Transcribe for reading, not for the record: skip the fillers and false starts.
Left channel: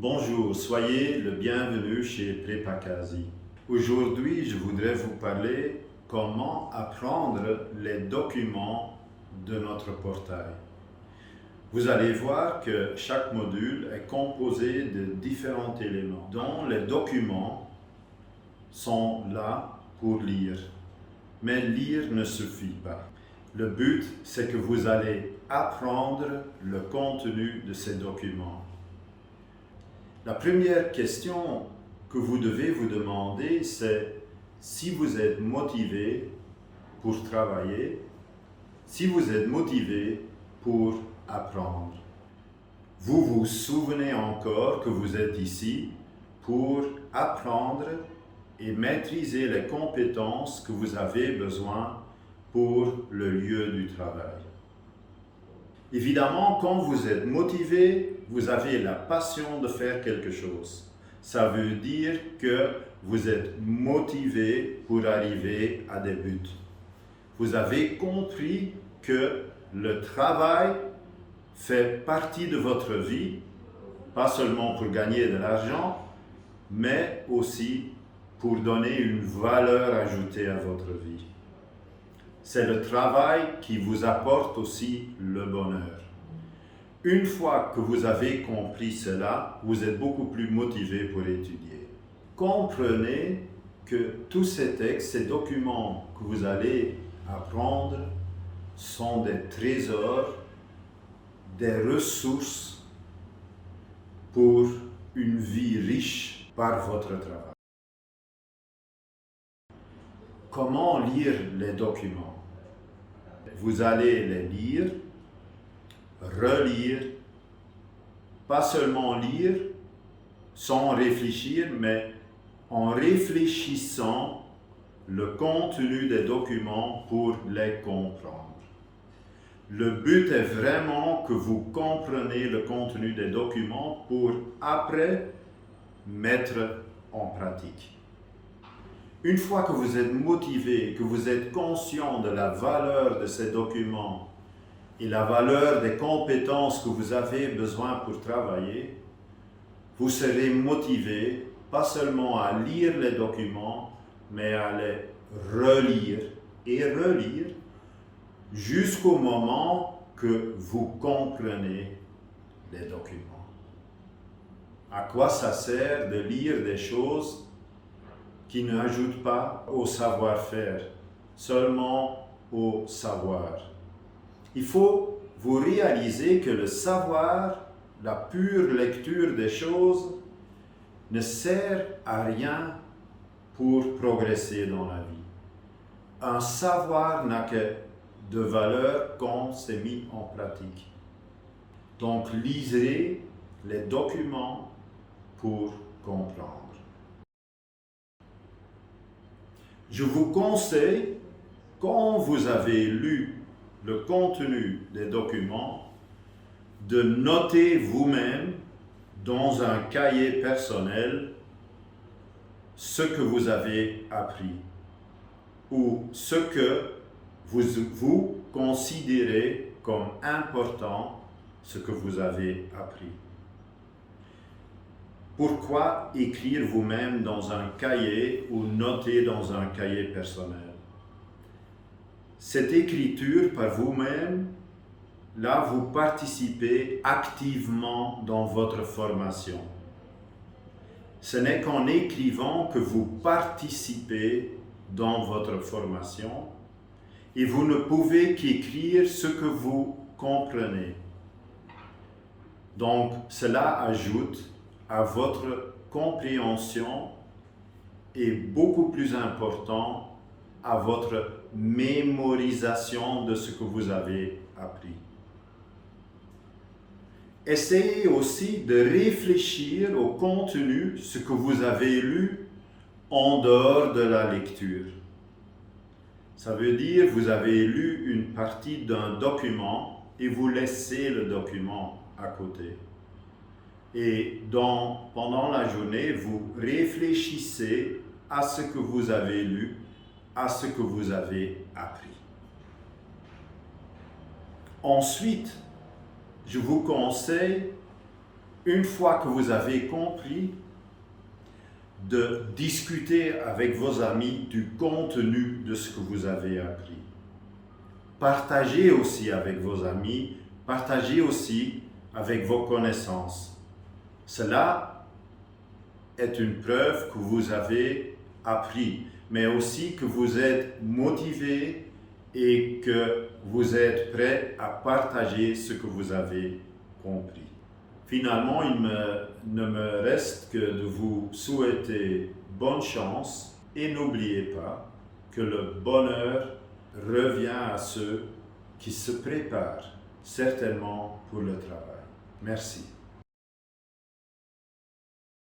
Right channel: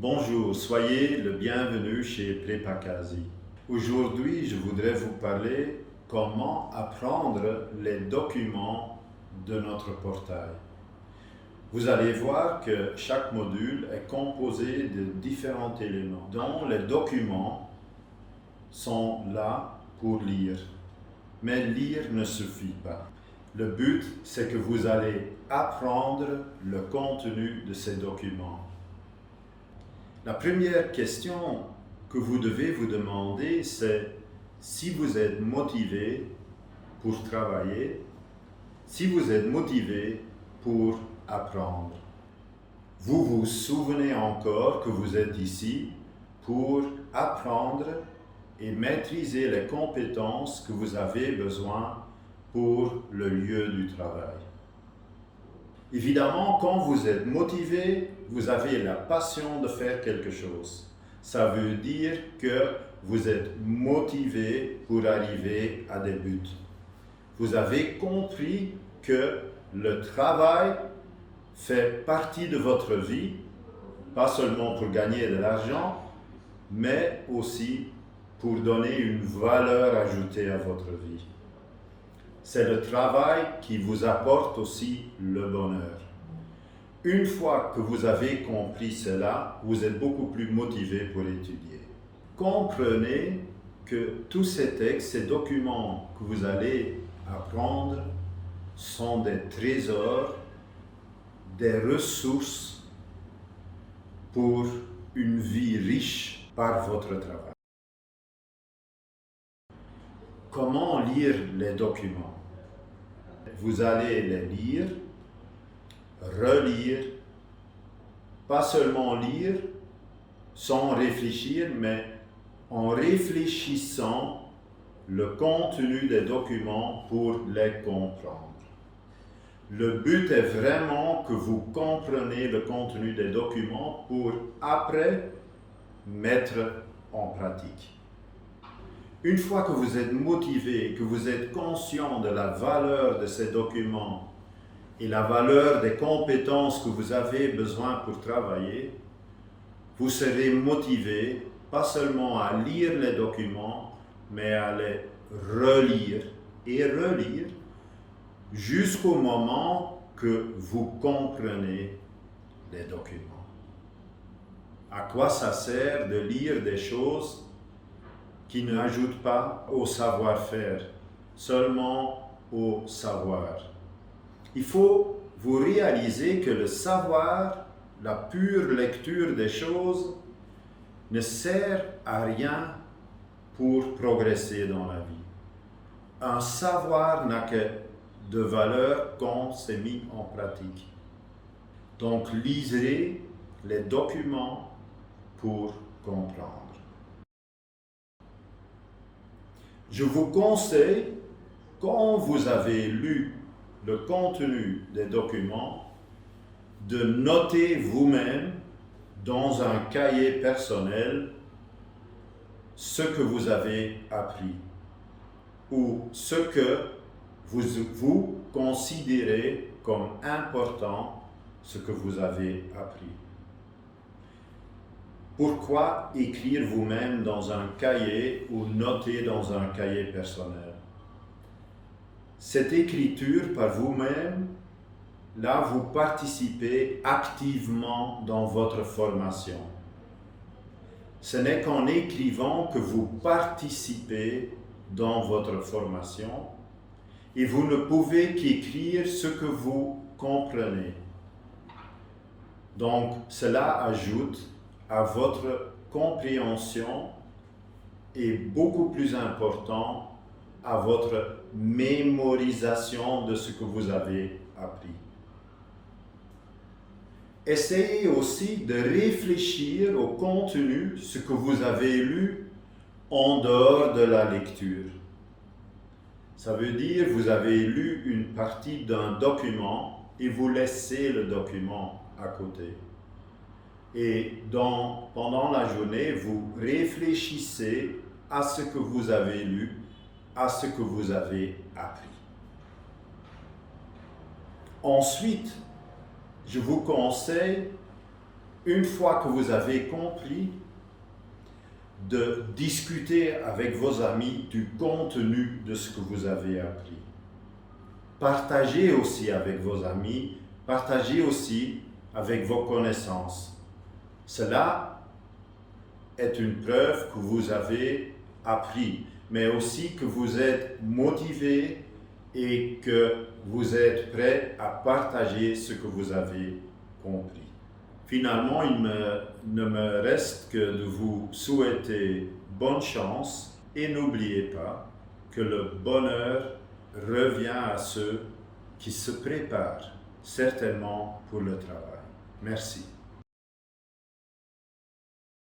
Bonjour, soyez le bienvenu chez Prepakasi. Aujourd'hui, je voudrais vous parler comment apprendre les documents de notre portail. Vous allez voir que chaque module est composé de différents éléments, dont les documents sont là pour lire. Mais lire ne suffit pas. Le but, c'est que vous allez apprendre le contenu de ces documents. La première question que vous devez vous demander, c'est si vous êtes motivé pour travailler, si vous êtes motivé pour apprendre. Vous vous souvenez encore que vous êtes ici pour apprendre et maîtriser les compétences que vous avez besoin pour le lieu du travail. Évidemment, quand vous êtes motivé, vous avez la passion de faire quelque chose. Ça veut dire que vous êtes motivé pour arriver à des buts. Vous avez compris que le travail fait partie de votre vie, pas seulement pour gagner de l'argent, mais aussi pour donner une valeur ajoutée à votre vie. C'est le travail qui vous apporte aussi le bonheur. Une fois que vous avez compris cela, vous êtes beaucoup plus motivé pour étudier. Comprenez que tous ces textes, ces documents que vous allez apprendre sont des trésors, des ressources pour une vie riche par votre travail. Comment lire les documents? Vous allez les lire, relire, pas seulement lire sans réfléchir, mais en réfléchissant le contenu des documents pour les comprendre. Le but est vraiment que vous compreniez le contenu des documents pour après mettre en pratique. Une fois que vous êtes motivé, que vous êtes conscient de la valeur de ces documents et la valeur des compétences que vous avez besoin pour travailler, vous serez motivé pas seulement à lire les documents, mais à les relire et relire jusqu'au moment que vous comprenez les documents. À quoi ça sert de lire des choses qui n'ajoute pas au savoir-faire, seulement au savoir. Il faut vous réaliser que le savoir, la pure lecture des choses, ne sert à rien pour progresser dans la vie. Un savoir n'a que de valeur quand c'est mis en pratique. Donc lisez les documents pour comprendre. Je vous conseille, quand vous avez lu le contenu des documents, de noter vous-même dans un cahier personnel ce que vous avez appris ou ce que vous considérez comme important, ce que vous avez appris. Pourquoi écrire vous-même dans un cahier ou noter dans un cahier personnel? Cette écriture par vous-même, là, vous participez activement dans votre formation. Ce n'est qu'en écrivant que vous participez dans votre formation et vous ne pouvez qu'écrire ce que vous comprenez. Donc, cela ajoute à votre compréhension et beaucoup plus important à votre mémorisation de ce que vous avez appris. Essayez aussi de réfléchir au contenu, ce que vous avez lu en dehors de la lecture. Ça veut dire que vous avez lu une partie d'un document et vous laissez le document à côté. Et pendant la journée, vous réfléchissez à ce que vous avez lu, à ce que vous avez appris. Ensuite, je vous conseille, une fois que vous avez compris, de discuter avec vos amis du contenu de ce que vous avez appris. Partagez aussi avec vos amis, partagez aussi avec vos connaissances. Cela est une preuve que vous avez appris, mais aussi que vous êtes motivé et que vous êtes prêt à partager ce que vous avez compris. Finalement, il ne me reste que de vous souhaiter bonne chance et n'oubliez pas que le bonheur revient à ceux qui se préparent certainement pour le travail. Merci.